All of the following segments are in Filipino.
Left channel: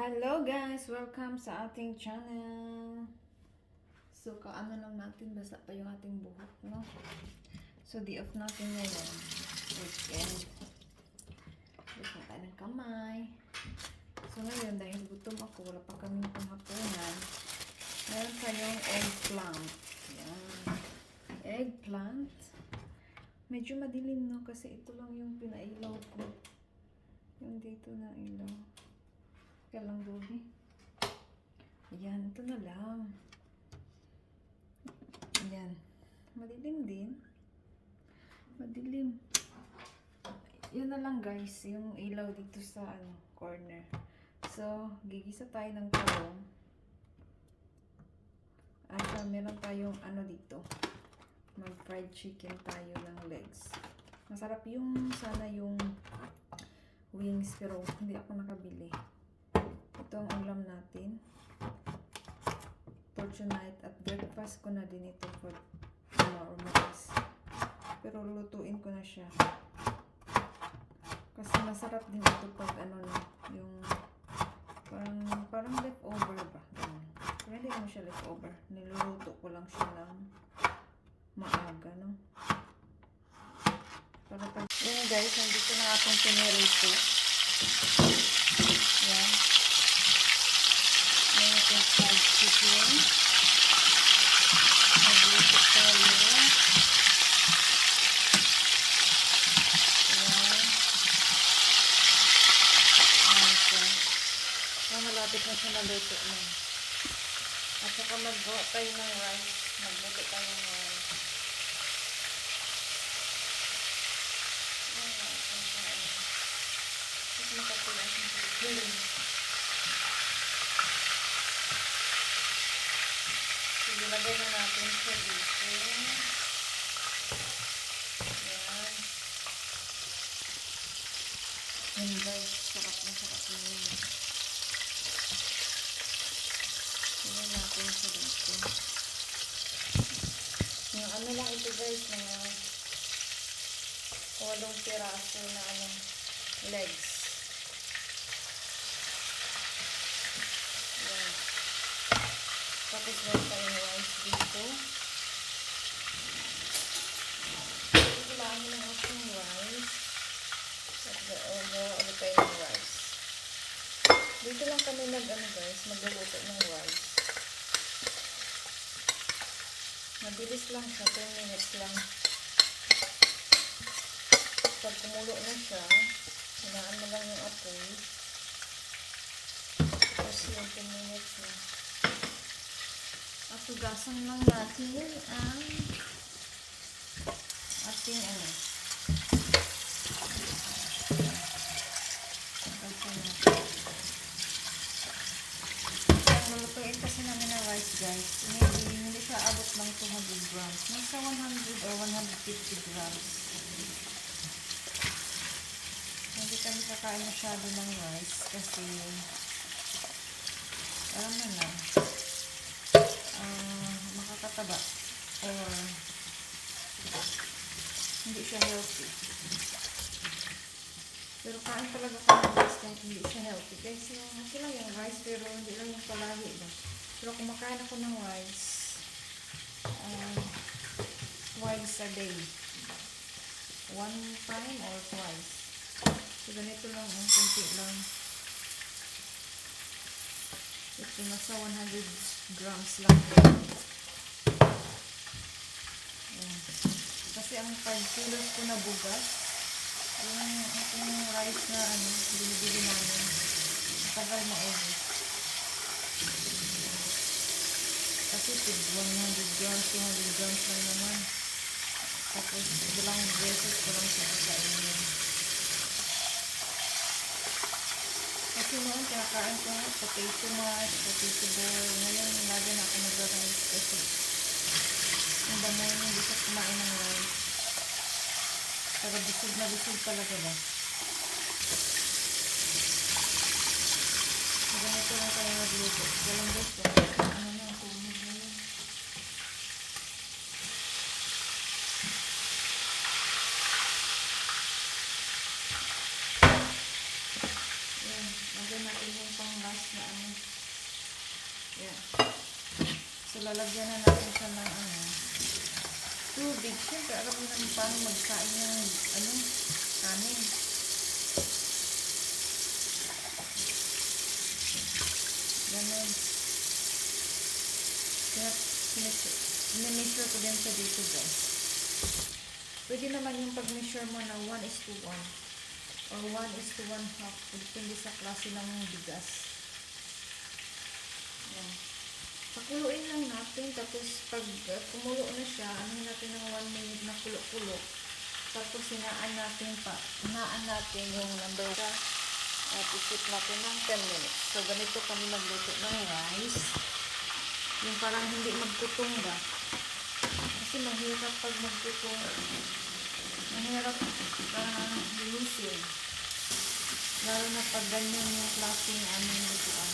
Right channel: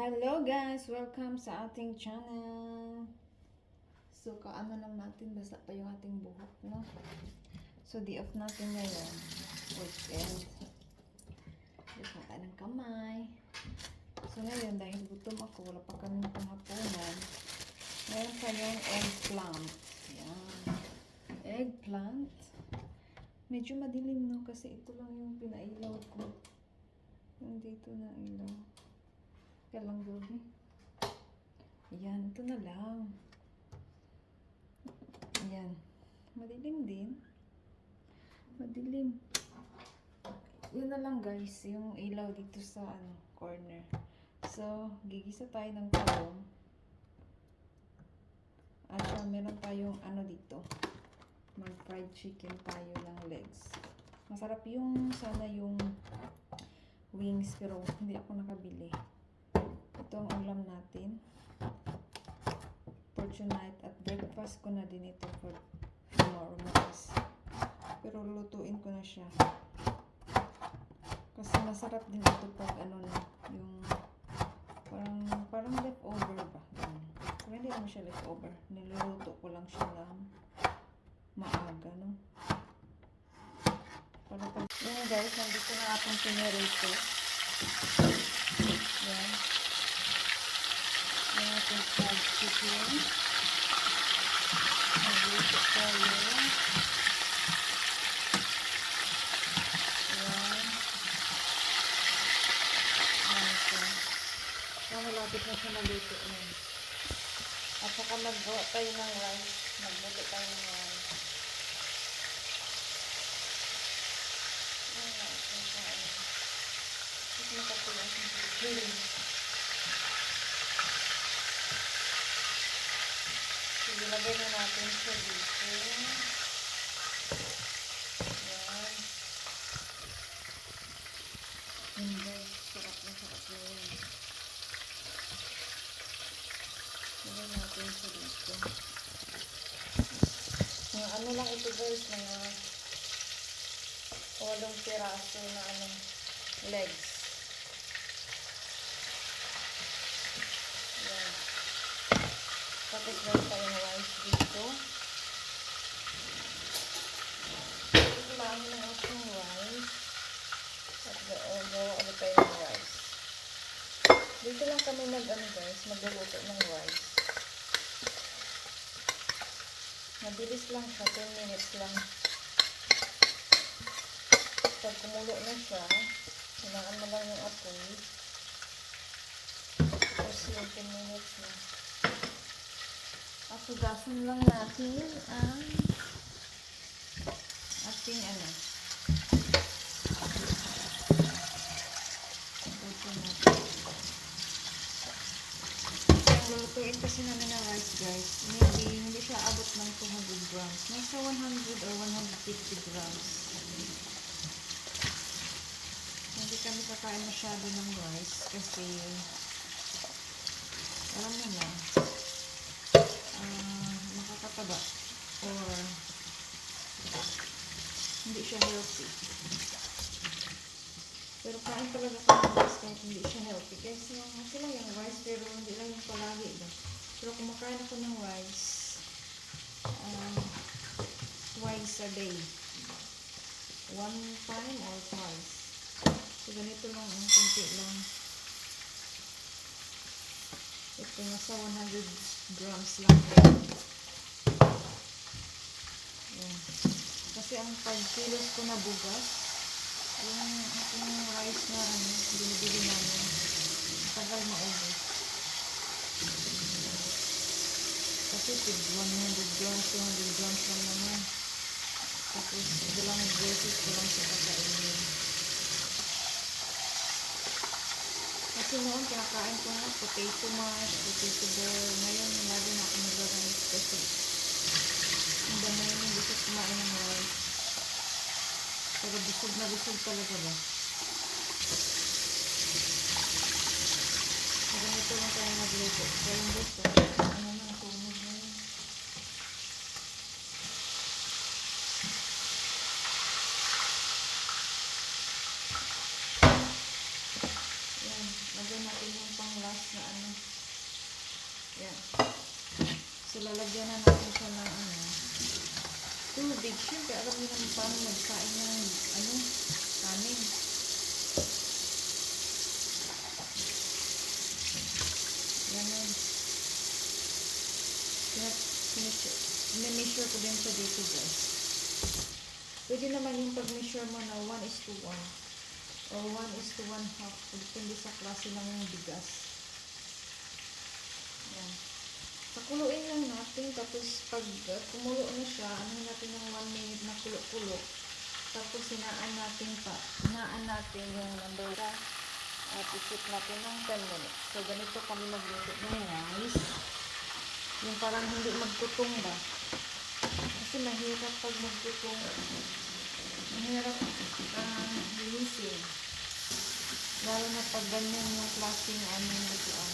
Hello guys! Welcome sa ating channel. So, kaano lang natin, basta pa yung ating buhok, no? So, di off natin ngayon. Weekend. Gusto na tayo ng kamay. So, ngayon, dahil gutom ako, wala pa kami panghapunan. Meron tayong eggplant. Yan. Eggplant. Medyo madilim, no? Kasi ito lang yung pinailaw ko. Yung dito na ilaw. Kaya lang gobi. Ayan, ito na lang. Ayan. Madilim din. Madilim. Yun na lang guys, yung ilaw dito sa ano, corner. So, gigisa tayo ng talong. At uh, meron tayong ano dito. Mag fried chicken tayo ng legs. Masarap yung sana yung wings pero hindi ako nakabili. Ito ang ulam natin. For tonight at breakfast ko na din ito for tomorrow bukas. Pero lulutuin ko na siya. Kasi masarap din ito pag ano na, yung parang, parang leftover ba? Ganun. Hindi naman siya leftover. Niluluto ko lang siya ng maaga, no? Para pag... Yan guys, nandito na akong pinirito. Yan. Yan ating fried chicken. Nagluto tayo. Yan. Yan siya. Yan, malapit na siya naluto na. At saka maggawa tayo ng rice. Magluto tayo ng rice. Yan, yan, yan. Tapos makakulang siya sa chicken. Sige, lagay na natin siya dito. Yan. Yan guys, sarap na sarap na yun. Lagay natin siya dito. Yung ano lang ito guys, mga walong piraso na ano, legs. Yan. Tapos meron tayong rice dito. Kulangan ng ating rice. At doon, ano tayo ng rice. Dito lang kami nag, ano guys, magluluto ng rice. Mabilis lang siya, 10 minutes lang. Pag kumulo na siya, hinaan mo lang yung apoy. Tapos yung 10 minutes na. At lang natin ang ating ano. Hugasan natin. Ang lulutuin kasi namin na rice guys, maybe hindi siya abot ng 200 grams. Nasa 100 or 150 grams. Hindi kami kakain masyado ng rice kasi alam naman, ah makakataba or hindi siya healthy. Pero kain talaga ng rice kahit hindi siya healthy. Yung, okay lang yung rice pero hindi lang yung palagi ba. Pero kumakain ako ng rice um, twice a day. One time or twice. So ganito lang ang kunti lang. Ito nasa 100 grams lang. Ayan. Kasi ang 5 kilos ko na bugas, yung ating rice na ano, binibili namin, matagal na ubos. Kasi tig 100 grams, 200 grams lang naman. Tapos ilang beses ko lang siya kakainin. Kasi noon, kinakain ko nga, potato mash, potato bowl. Ngayon, lagi na ako nag-rice kasi ang dami yun hindi ko kumain ng rice. Pero busog na busog talaga ba? Ganito lang tayo magluto. Ganyan gusto. Ano na, tumig na yun. Yan. Lagyan natin yung pang last na ano. Yan. So, lalagyan na natin sa mga ano tubig. Siyempre, alam mo naman paano magsain yung ano, kanin. Ganun. Kaya, measure ko din sa dito guys. Pwede naman yung pag-measure mo na 1 is to 1 or 1 is to 1 half. Depende sa klase ng bigas. Yan. Pakuluin lang natin. Tapos pag uh, kumulo na siya, ano natin ng 1 minute na kulo-kulo. Tapos hinaan natin pa. Hinaan natin yung number at isip natin ng 10 minutes. So, ganito kami magluto ng rice. Yung parang hindi magtutong ba. Kasi mahirap pag magtutong. Mahirap uh, linisin. Lalo na pag ganyan yung klaseng aming lutuan.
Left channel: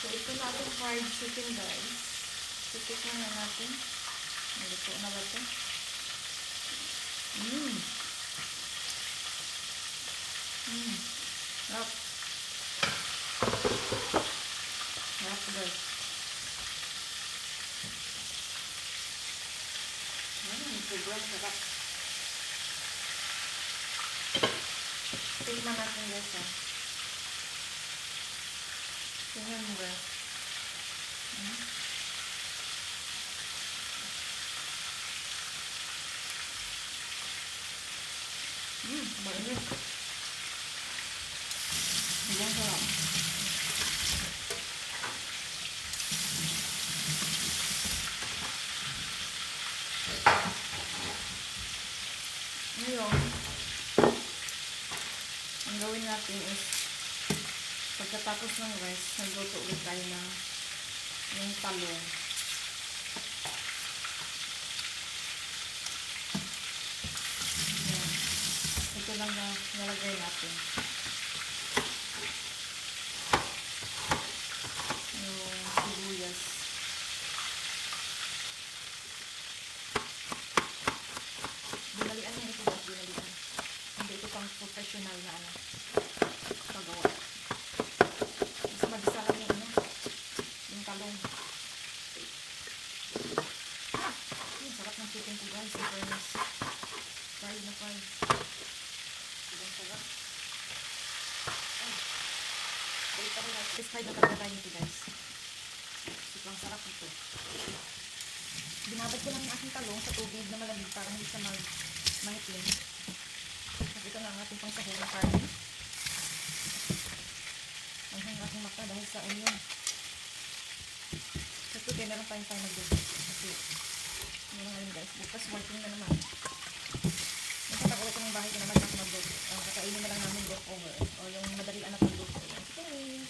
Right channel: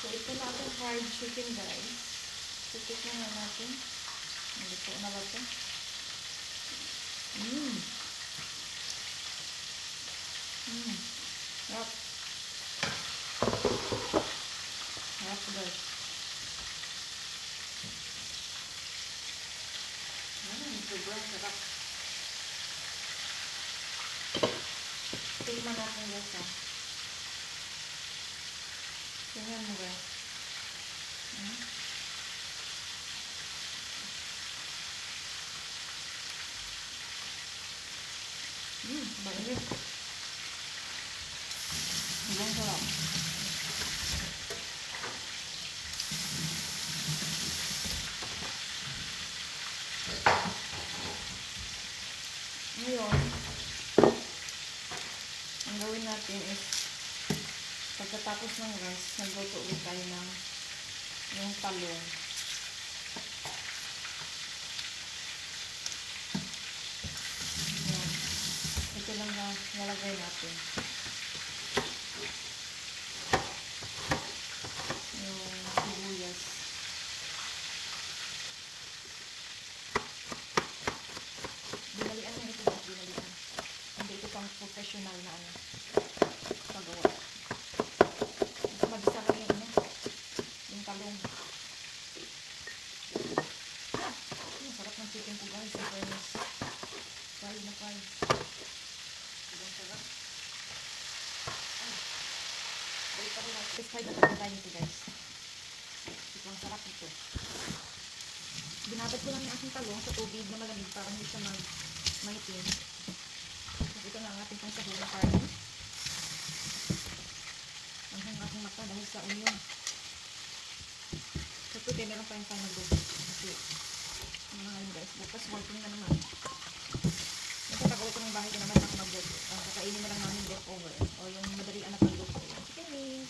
So, ito na ating fried chicken guys. Titikman na natin. Naluto na ba ito? Mmm. Mmm. Sarap. Sarap guys. Mmm, sobrang sarap. Tingnan natin guys ah. Tingnan mo guys. Hmm? Mainit. Sobrang sarap. Ngayon, ang gawin natin is pagkatapos ng rice, nagluto ulit tayo ng yung talong. Yan. Ito lang na nalagay natin. Yung sibuyas. Dinalian na ito. Dinalian. Hindi ito pang professional na ano. Pagawa. Mas magisa lang yung ano. Yung talong. Ah! Ang sarap ng chicken ko guys. Sa fairness. Fried na fried. Sobrang sarap. Ay. Balik pa rin natin. Fried na talaga tayo nito guys. Sobrang sarap ito. Binabad ko lang yung aking talong sa tubig na malamig para hindi siya mag mangitim. Tapos ito na ang ating na karne. Ang hang aking mata dahil sa onion. Ito din meron pa yung tayo nag Kasi yung mga yun guys. Bukas working na naman. Nagkatakaw ko ng bahay ko naman para mag uh, kakainin na lang namin leftover. O yung madalian na. Ayan.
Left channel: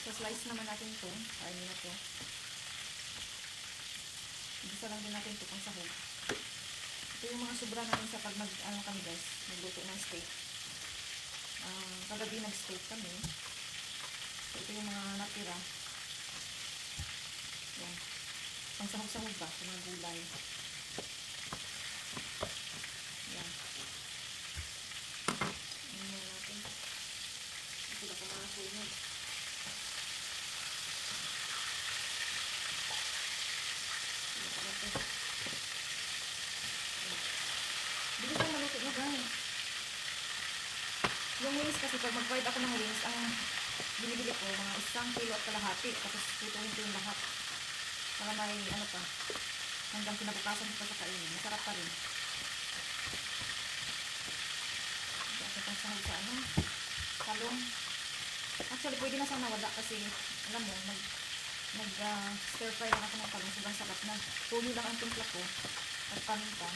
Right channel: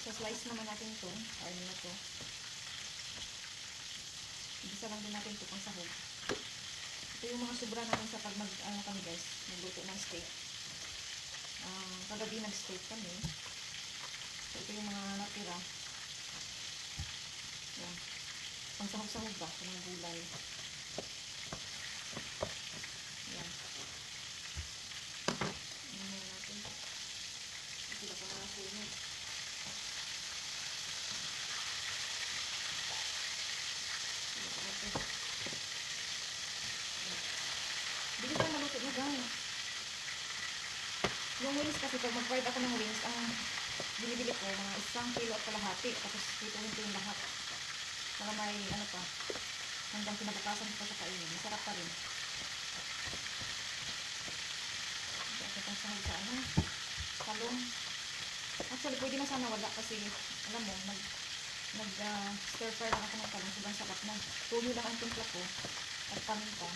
So slice naman natin ito. Karne na ito. Igisa lang din natin ito pang sahog. Ito yung mga sobra namin sa pag mag, ano kami guys, magluto ng steak. Um, kagabi nag-steak kami. So, ito yung mga natira. Yan. Pang sahog-sahog ba sa mga gulay. Yan. Ano na natin. Ito ba pa mga sunog. Dito pa maluto na guys. Yung wings kasi pag mag-fried ako ng wings, ang binibili ko mga isang kilo at kalahati. Tapos tutuhin ko yung lahat. Para may ano pa. Hanggang kinabukasan ko pa sa kainin. Masarap pa rin. Kasi pang sahog sa ano. Talong. Actually, pwede na sana wala kasi alam mo, mag nag uh, stir fry lang ako ng talong. Sobrang sarap na. Tuyo lang ang timpla ko. At paminta.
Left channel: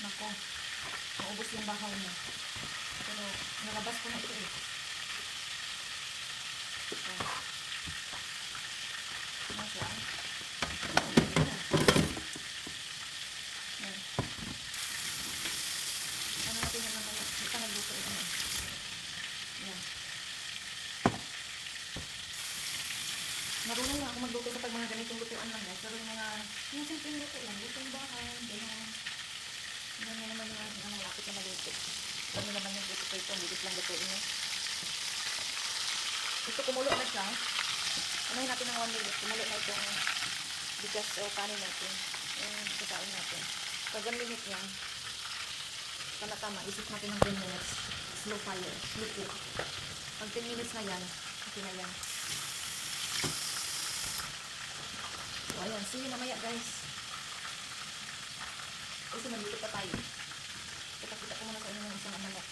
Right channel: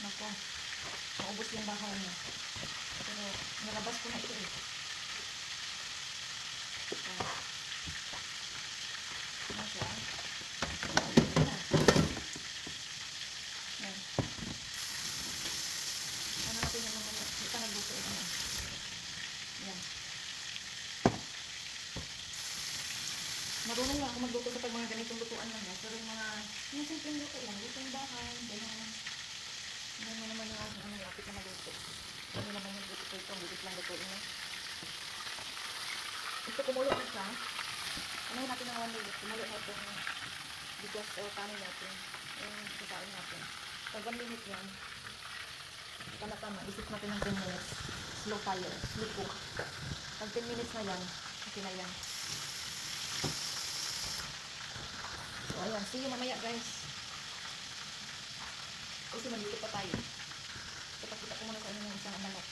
Nako. Maubos yung bahaw niya. Pero nalabas ko na ito eh. Ayan. Ano siya? Ayan. Ayan. Ano natin naman na hindi pa nagluto ito na. Ayan. Marunong na ako magluto sa pag mga ganitong lutuan lang. guys. Pero yung mga, yung simpleng luto lang, lutong bahay, ganyan. Yan na naman yung ang malapit na maluto. Ano naman yung luto ko ito, bilis lang lutuin mo. Ito kumulo na siya. Anahin natin ng 1 minute. Kumulo na ito. Because uh, kanin natin. Yung kakain natin. Pag 1 minute yan, tama-tama. Isip natin ng 10 minutes. Slow fire. Slow cook. Pag 10 minutes na yan, okay na yan. So, ayan. See you mamaya, guys. Kasi nandito pa tayo. Ipakita ko muna sa inyo yung isang manok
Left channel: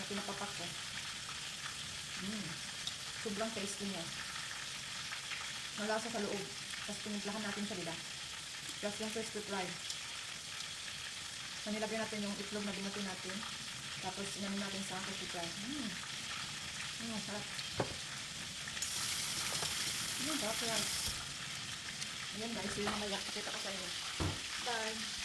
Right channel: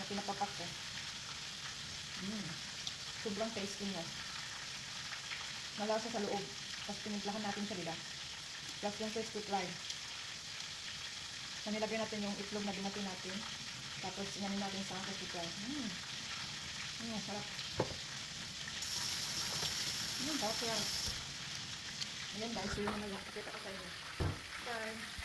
na pinapapak ko. Mm. Sobrang tasty niya. Malasa sa loob. Tapos pinimplahan natin siya, diba? Plus yung first fruit lime. So, nilagyan natin yung itlog na binati natin. Tapos, inanin natin sa first fruit lime. Mm. Mm, sarap. Mm, sarap yan. Ayan guys, so yung mga kita ko sa inyo. Bye!